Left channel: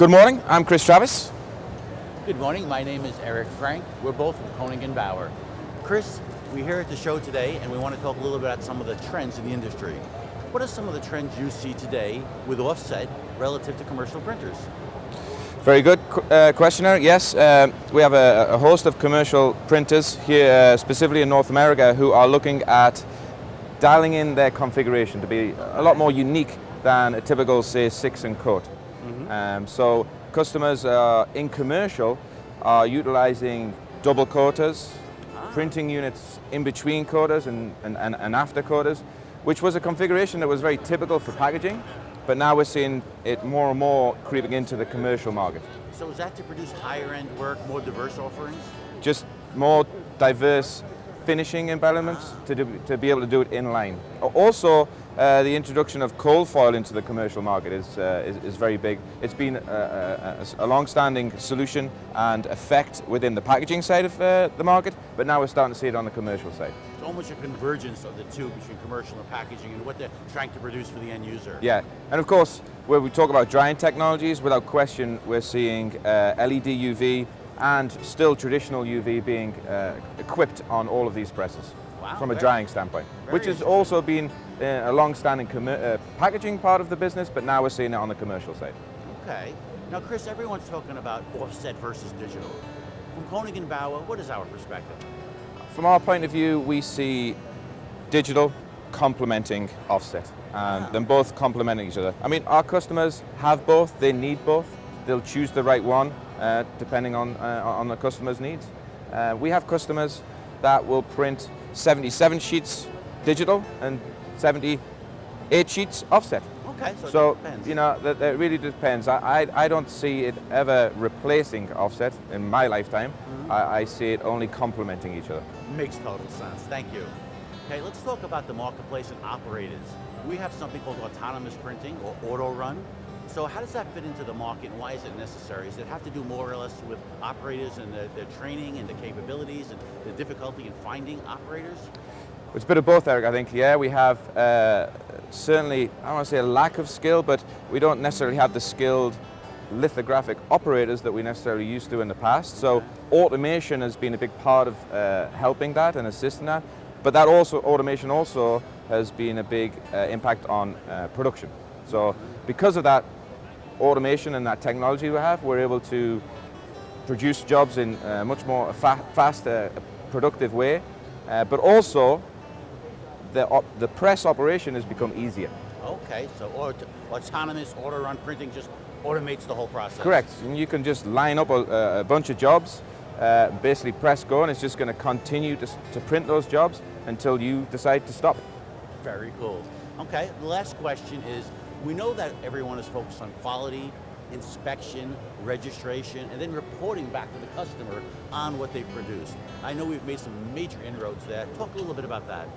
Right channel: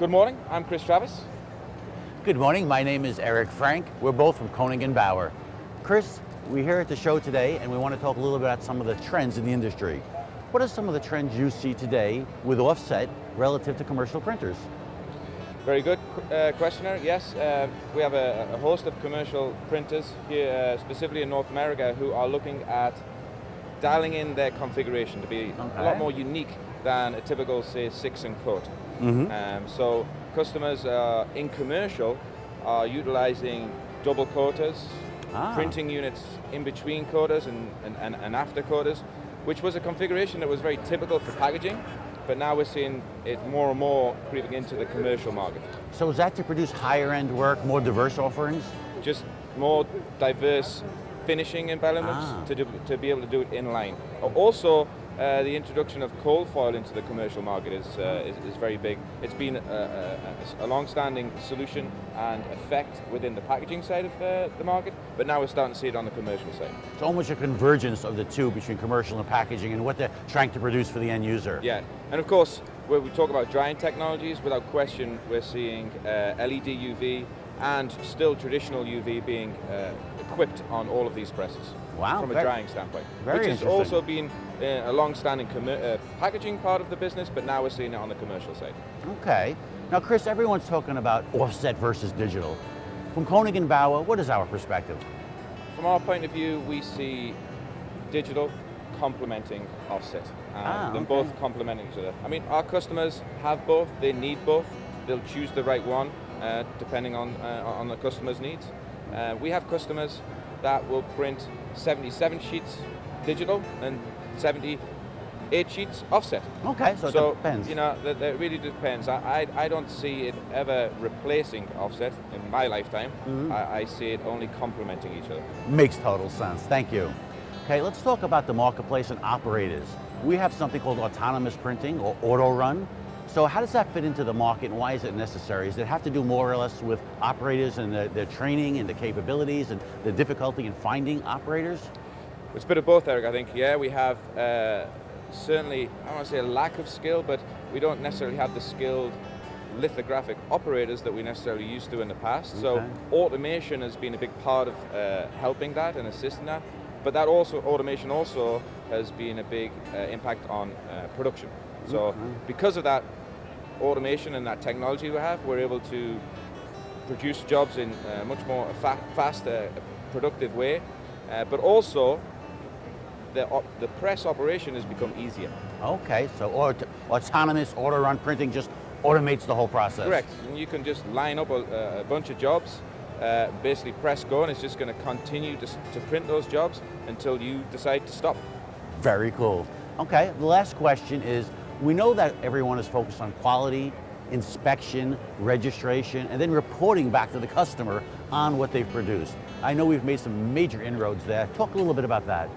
Good morning, I'm Chris Travis. Good morning, my name is Eric Frank. We're both from Koenig Bauer. Chris, we're here at the show today and we want to talk a little bit about some of the trends in the industry. What are some of the trends you see today with offset relative to commercial printers? Very good question, Eric. Yes, we have a host of commercial printers here, specifically in North America, who are looking at dialing in their configuration to be a lot more unique than a typical, say, 6 and cut. So customers in commercial are utilizing double coaters, printing units in between coaters and after coaters, which was a configuration that was very typical for packaging, but now we're seeing it more and more creeping into the commercial market. So is that to produce higher end work, more diverse offerings? Just more diverse finishing embellishments to be able to do it in line. Also, the introduction of cold foil into the commercial market is very big. It's been a long-standing solution and effect within the packaging side of the market, but now we're starting to see it on the commercial side. It's almost a convergence of the two between commercial and packaging and what they're trying to produce for the end user. Yeah, and of course, when we talk about drying technologies, without question, we're seeing LED UV and still traditional UV being equipped on all of these presses. Wow, from a drying standpoint, which has also been a long-standing packaging part of the business, but now we're seeing it on the commercial side. Okay. Now, Chris, everyone's talking about offset versus digital. From Koenig Bauer, what is our perspective? From our point of view, we see digital complementing offset, and both complementing each other. I mean, our customers have both, they need both. They'll choose the right one depending on the customer's needs. We have customers that will print 77 sheets digital and 78 sheets offset. Okay, so it depends. You know, that really depends. I don't see it ever replacing offset in my lifetime. I see it only complementing each other. Makes total sense. Thank you. Okay, let's talk about the marketplace and operators. We have something called autonomous printing or auto run. So how does that fit into the market and why is it necessary? Does it have to do more or less with operators and their training and the capabilities and the difficulty in finding operators? It's a bit of both, Eric, I think. Yeah, we have certainly, I don't want to say a lack of skill, but we don't necessarily have the skilled lithographic operators that we necessarily used to in the past. So automation has been a big part of helping that and assisting that. But that automation also has been a big impact on production. So because of that automation and that technology we have, we're able to produce jobs in a much more faster, productive way. But also, the press operation has become easier. Okay, so autonomous auto-run printing just automates the whole process. Correct. And you can just line up a bunch of jobs, basically press go, and it's just going to continue to print those jobs until you decide to stop. Very cool. Okay, the last question is, we know that everyone is focused on quality, inspection, registration, and then reporting back to the customer on what they've produced. I know we've made some major inroads there. Talk a little bit about that.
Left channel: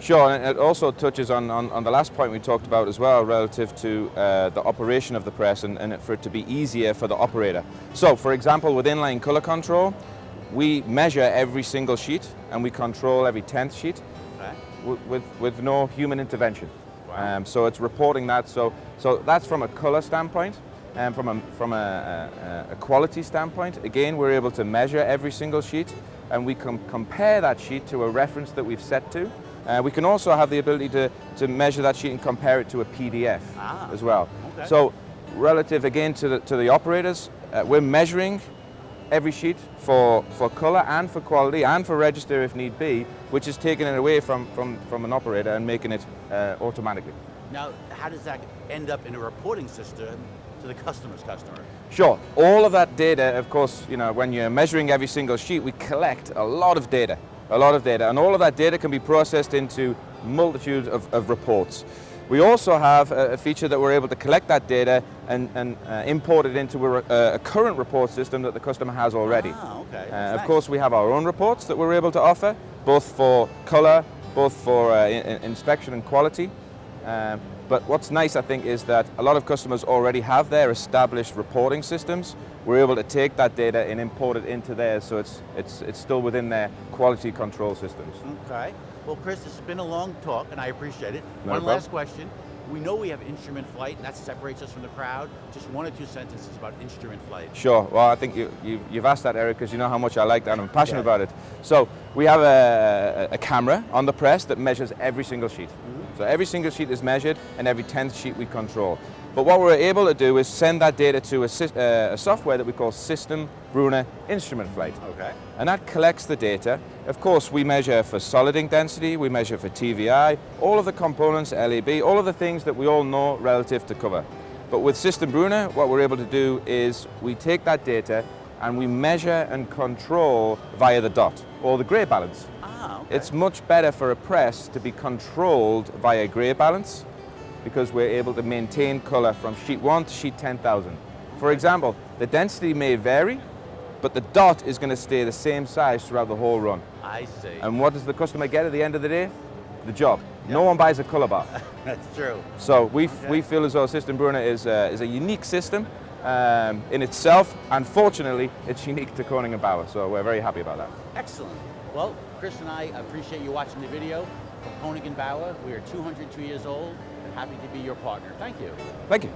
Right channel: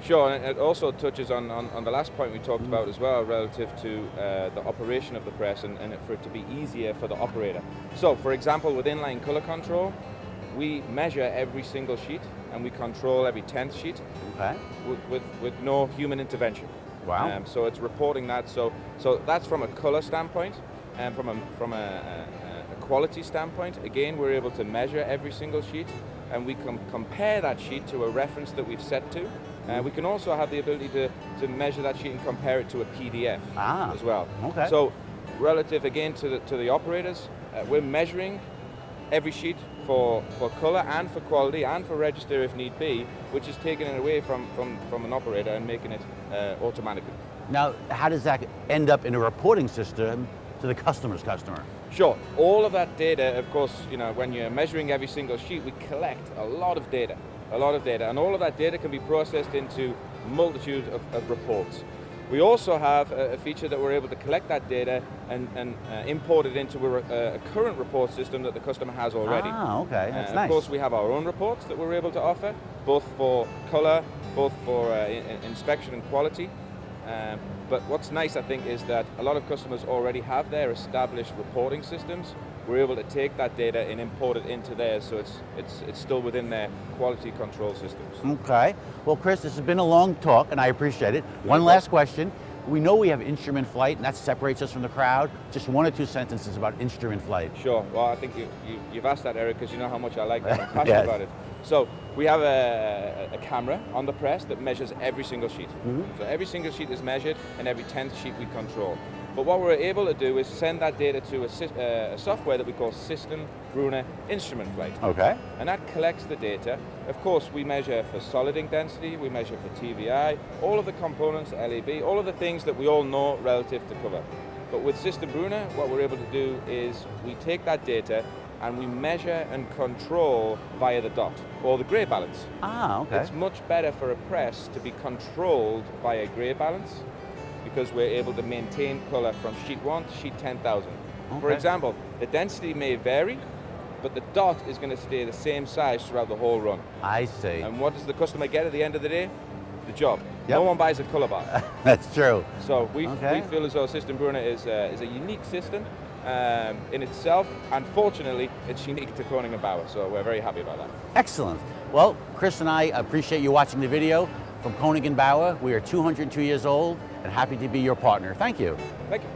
Sure, and it also touches on the last point we talked about as well, relative to the operation of the press and for it to be easier for the operator. So, for example, with inline color control, we measure every single sheet and we control every 10th sheet with no human intervention. Wow. So it's reporting that. So that's from a color standpoint, and from a quality standpoint. Again, we're able to measure every single sheet, and we can compare that sheet to a reference that we've set to. We can also have the ability to measure that sheet and compare it to a PDF as well. Okay. So relative again to the operators, we're measuring every sheet for color and for quality and for register if need be, which is taking it away from an operator and making it automatically. Now, how does that end up in a reporting system to the customer's customer? Sure. All of that data, of course, you know, when you're measuring every single sheet, we collect a lot of data, and all of that data can be processed into multitude of reports. We also have a feature that we're able to collect that data and import it into a current report system that the customer has already. Okay. Of course, we have our own reports that we're able to offer, both for color, both for inspection and quality. But what's nice, I think, is that a lot of customers already have their established reporting systems. We're able to take that data and import it into theirs, so it's still within their quality control systems. Okay. Well, Chris, this has been a long talk, and I appreciate it. One last question. we know we have instrument flight, and that separates us from the crowd. Just 1 or 2 sentences about instrument flight. Sure. Well, I think you've asked that, Eric, because you know how much I like that and I'm passionate Yes. about it. So we have a camera on the press that measures every single sheet. So every single sheet is measured, and every 10th sheet we control. But what we're able to do is send that data to a software that we call System Brunner Instrument Flight. Okay. And that collects the data. Of course, we measure for solid ink density, we measure for TVI, all of the components, LEB, all of the things that we all know relative to cover. But with System Brunner, what we're able to do is we take that data and we measure and control via the dot or the gray balance. Ah, okay. It's much better for a press to be controlled via gray balance because we're able to maintain color from sheet 1 to sheet 10,000. For Okay. example, the density may vary, but the dot is going to stay the same size throughout the whole run. I see. And what does the customer get at the end of the day? The job. Yep. No one buys a color bar. That's true. So we Okay. feel as though System Brunner is a unique system in itself, and fortunately, it's unique to Koenig Bauer. So we're very happy about that. Excellent. Well, Chris and I appreciate you watching the video from Koenig Bauer. We are 202 years old and happy to be your partner. Thank you. Thank you.